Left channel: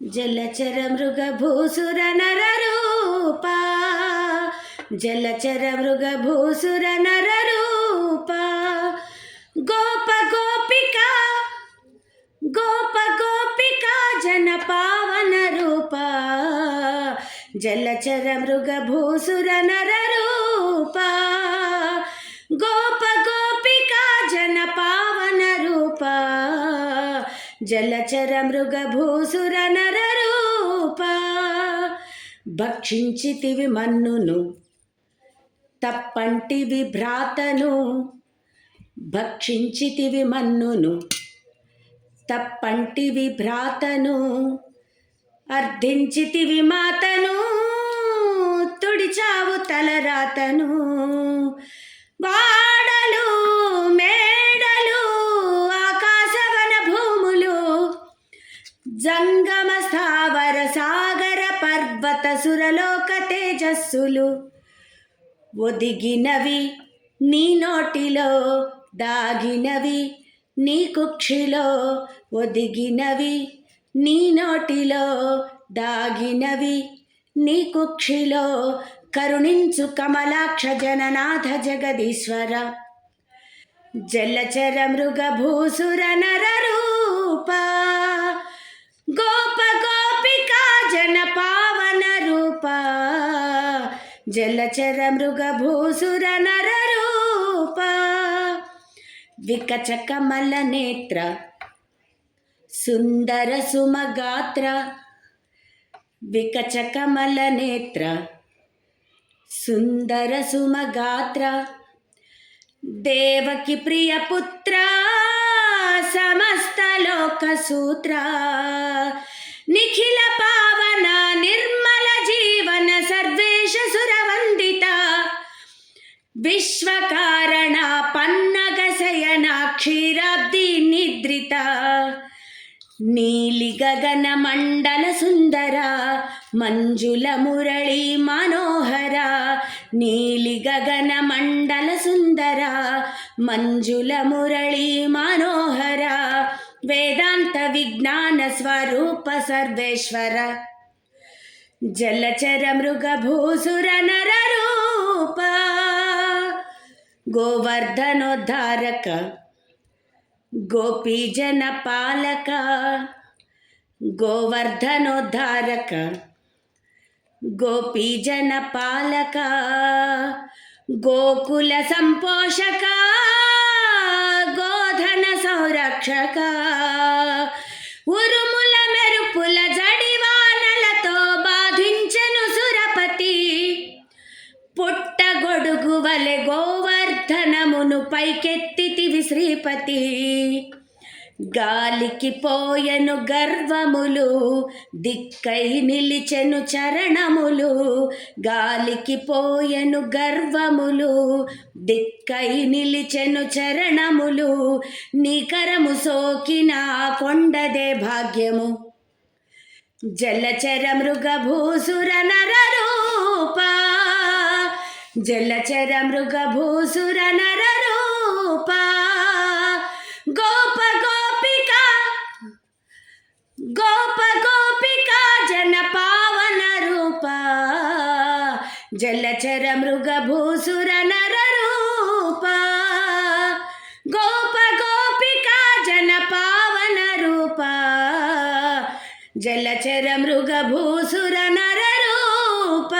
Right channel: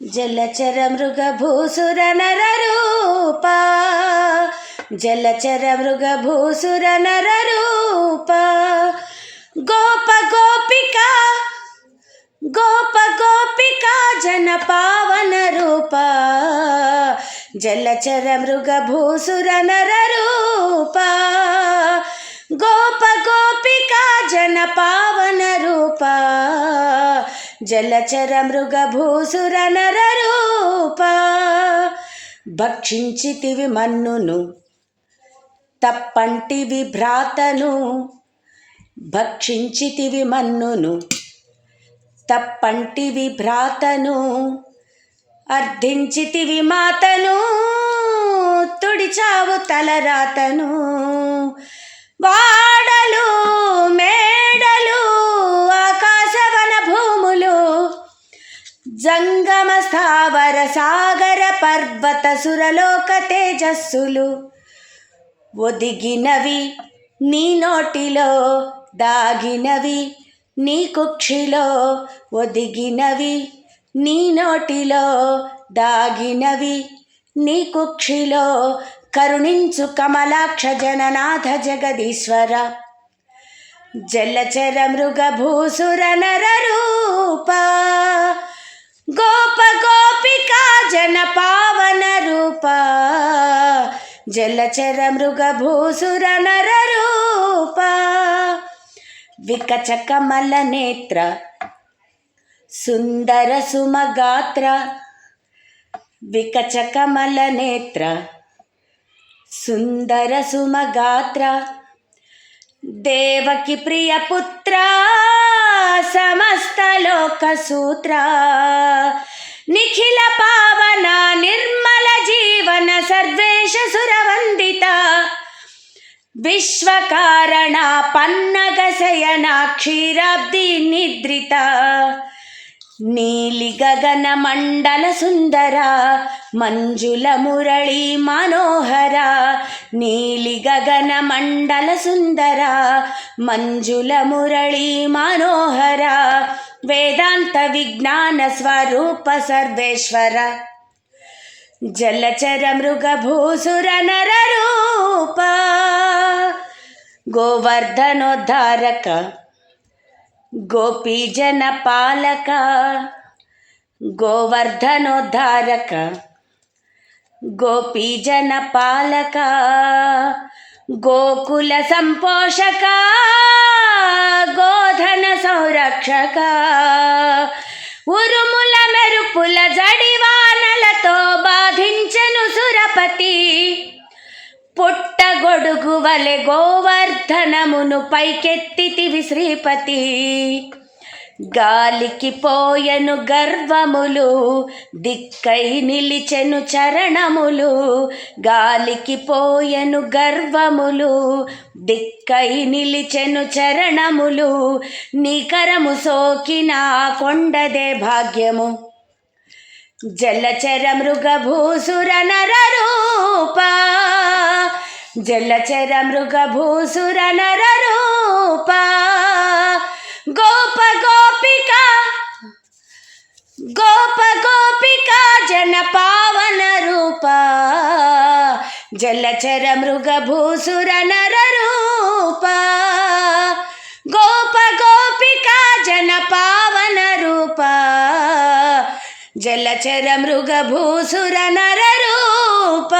జలచర మృగభూసుర నరరూప, జలచర మృగభూసుర నరరూప, గోప గోపికా గోప గోపికా జన పావన రూప, జలచర మృగభూసుర నరరూప, గోప గోపికా జన పావన రూప, జలచర మృగభూసుర నరరూప. భక్షించితివి మన్నును తప్పంటివి భ్రాతను, భక్షించితివి మన్నును తప్పంటివి భ్రాతను, అర్థించితివి మాతను తుడిచావు తలరాతను. వాడలు మేడలు ఆకాశవన భూములు, జంగమ స్థావర సాగర పర్వత సురలోక తేజస్సులు, ఒదిగినవి నీ నోటిలో దాగినవి నీ కుక్షిలో, ఒదిగినవి నీ నోటిలో దాగినవి నీ కుక్షిలో, కరుణించు కమలాక్ష జననాథ జగదీశ్వర, జలచర మృగభూసుర నరరూప, గోప గోపికా జన పావన రూప, జలచర మృగభూసుర నరరూప. వికచ కమల నేత్ర సుందర సుమగాత్ర, వికచ కమల నేత్ర సుందర సుమగాత్ర, దేవకి ప్రియ పుత్ర సమస్త లోక సూత్ర, నిఖిల పావన నిర్మల జీవన సర్వేశ సురవందిత, విశ్వకారణ పన్నగ శయన క్షీరాబ్ది నిద్రిత, నీలి గగన మండల సుందర మంజుల మురళీ మనోహర, నీలి గగన మండల సుందర మంజుల మురళీ మనోహర, వేదాంత విజ్ఞాన స్వరూప సర్వేశ్వర, జలచర మృగభూసుర నరరూప, గోవర్ధనోద్ధారక గోపీజన పాలక, గోవర్ధనోద్ధారక గోపీజన పాలక, గోకుల సంపోషక గోధన సంరక్షక, ఉరుముల మెరుపుల జడివానలతో బాధించెను సురపతి, పుట్టగొడుగు వలె గోవర్ధనమును పైకెత్తితివి శ్రీపతి, గాలికి పోయెను గర్వములు దిక్కై నిలిచెను చరణములు, గాలికి పోయెను గర్వములు దిక్కై నిలిచెను చరణములు, నీకరము సోకిన కొండదే భాగ్యము, జలచర మృగభూసుర నరరూప, జలచర మృగభూసుర నరరూప, గోప గోపికా గోప గోపికా జన పావన రూప, జలచర మృగభూసుర నరరూప, గోప గోపికా జన పావన రూప, జలచర మృగభూసుర నరరూప.